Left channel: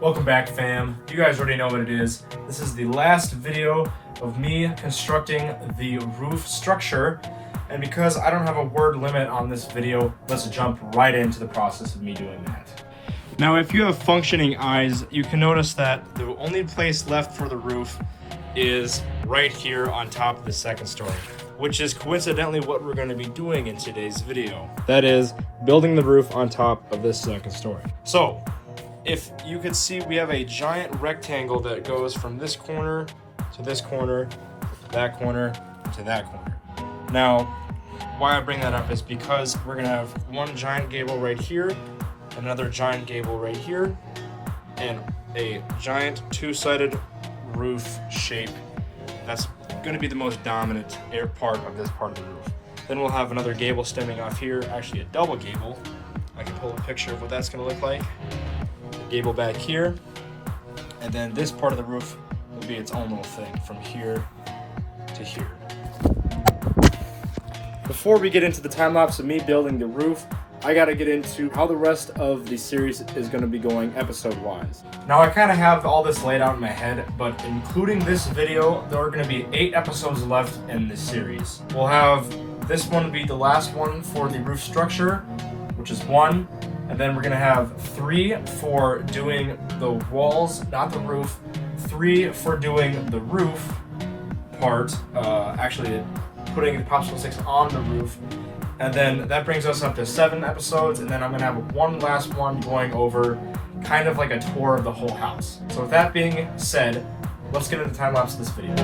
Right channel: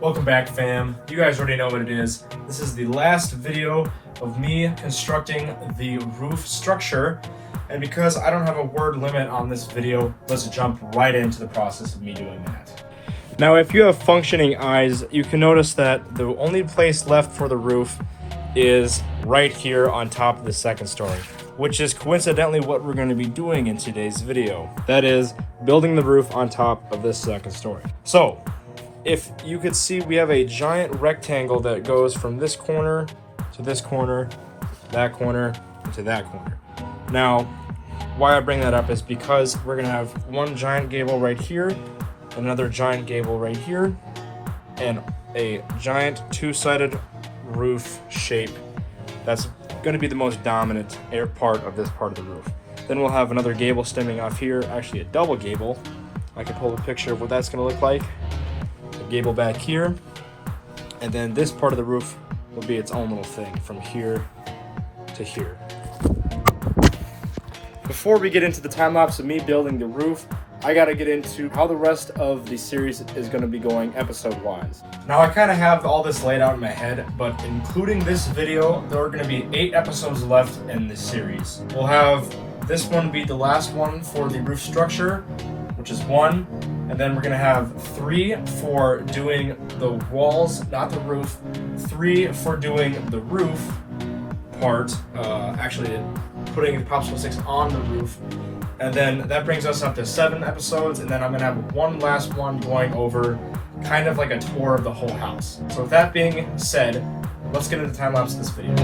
Welcome back, fam. You guys already know what it is. This is the last video of me constructing the roof structure. And because I don't have a word limit on this video, let's jump right into the process of me doing that. Now, if you have functioning eyes, you can notice that the only place left for the roof is right here on top of the second story, which is coincidentally what we're going to be doing in today's video. That is building the roof on top of this second story. So if you could see, we have a giant rectangle that goes from this corner to this corner, that corner, and to that corner. Now, why I bring that up is because we're gonna have one giant gable right here, another giant gable right here, and a giant two-sided roof shape that's gonna be the most dominant part of this part of the roof. Then we'll have another gable stemming off here, actually a double gable. I can pull a picture of what that's gonna look like. The gable back here, and then this part of the roof will be its own little thing from here to here. Before we get into the time lapse of me building the roof, I gotta get into how the rest of the series is gonna be going episode wise. Now I kinda have all this laid out in my head, but including this video, there are gonna be 8 episodes left in this series. We'll have this one be the last one for the roof structure, which is 1, and then we're gonna have 3 for doing the walls, not the roof, 3 for doing the roof part, actually putting the popsicle sticks on the roof. And then that brings us up to 7 episodes, and then I'm gonna have one last one going over kind of like a tour of the whole house. So with that being said, let's get into the time lapse of this video.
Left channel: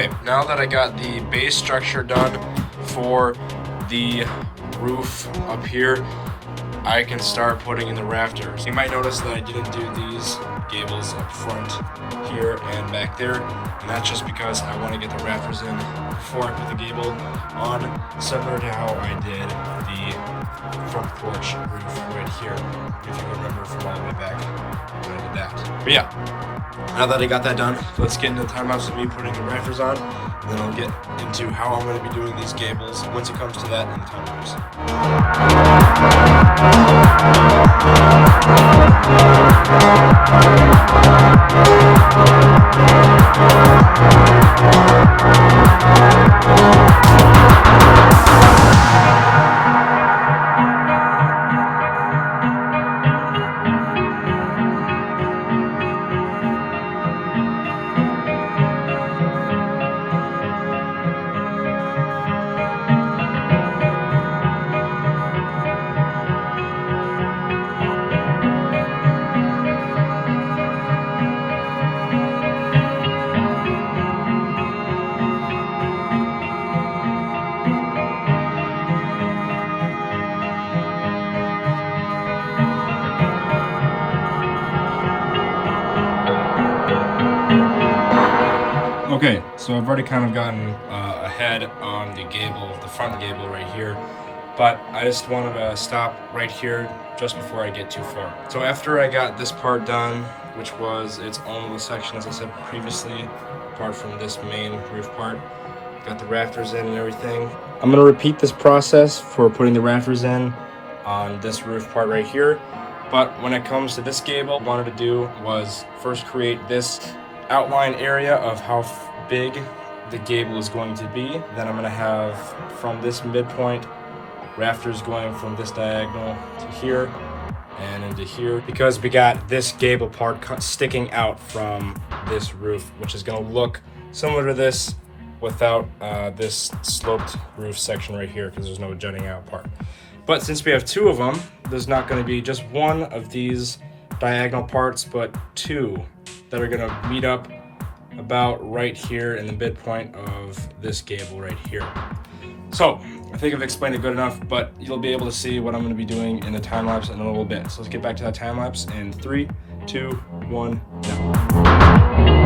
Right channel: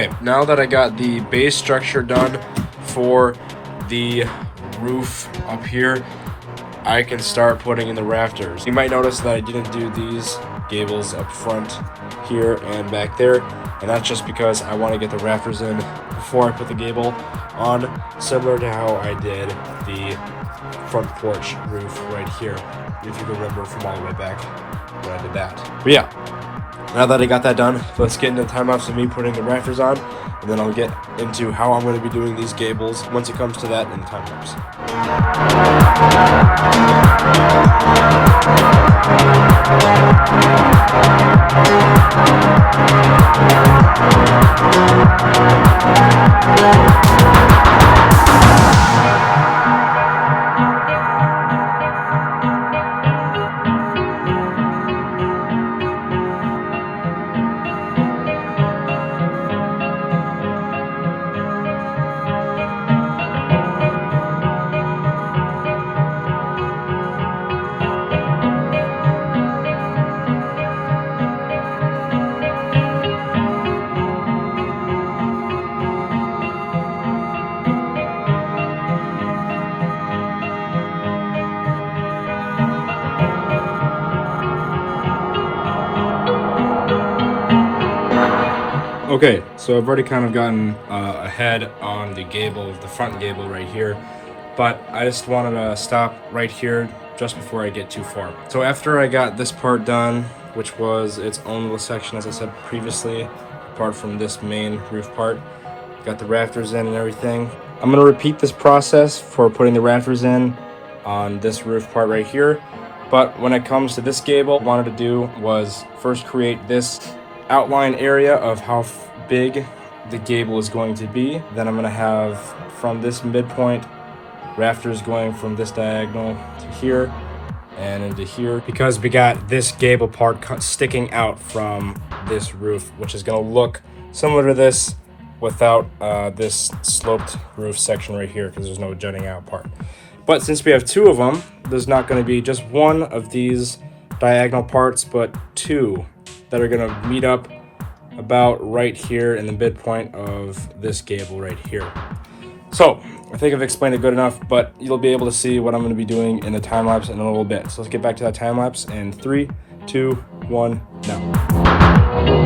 Okay, now that I got the base structure done for the roof up here, I can start putting in the rafters. You might notice that I didn't do these gables up front here and back there, and that's just because I want to get the rafters in before I put the gable on, similar to how I did the front porch roof right here, if you remember from all the way back when I did that. But yeah, now that I got that done, let's get into the time lapse of me putting the rafters on, and then I'll get into how I'm going to be doing these gables once it comes to that in the time lapse. Okay, so I've already kind of gotten ahead on the gable, the front gable right here, but I just wanted to stop right here just before I get too far. So after I got this part done, which was its own little section, as I said previously, apart from this main roof part, got the rafters in and everything. I'm gonna repeat this process for putting the rafters in on this roof part right here, but when it comes to this gable, what I wanted to do was first create this outline area of how big the gable is going to be. Then I'm going to have from this midpoint rafters going from this diagonal to here and into here, because we got this gable part sticking out from this roof, which is going to look similar to this without this sloped roof section right here, because there's no jutting out part. But since we have two of them, there's not going to be just one of these diagonal parts, but two that are going to meet up about right here in the midpoint of this gable right here. So I think I've explained it good enough, but you'll be able to see what I'm going to be doing in the time lapse in a little bit. So let's get back to that time lapse in 3, 2, 1, now.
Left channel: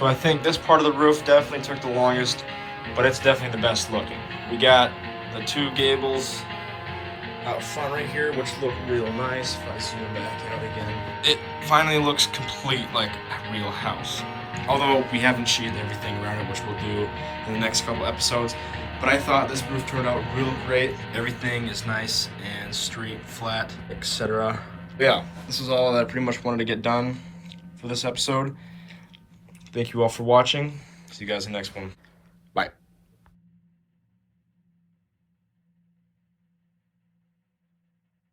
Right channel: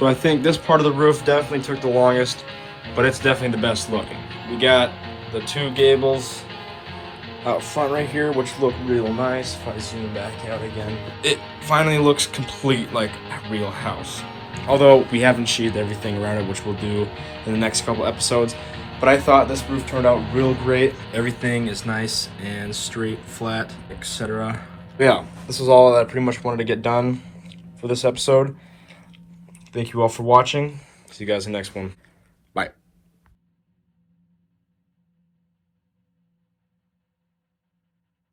So I think this part of the roof definitely took the longest, but it's definitely the best looking. We got the two gables out front right here, which look real nice. If I zoom back out again, it finally looks complete, like a real house. Although we haven't sheathed everything around it, which we'll do in the next couple episodes. But I thought this roof turned out real great. Everything is nice and straight, flat, etc. Yeah, this is all that I pretty much wanted to get done for this episode. Thank you all for watching. See you guys in the next one.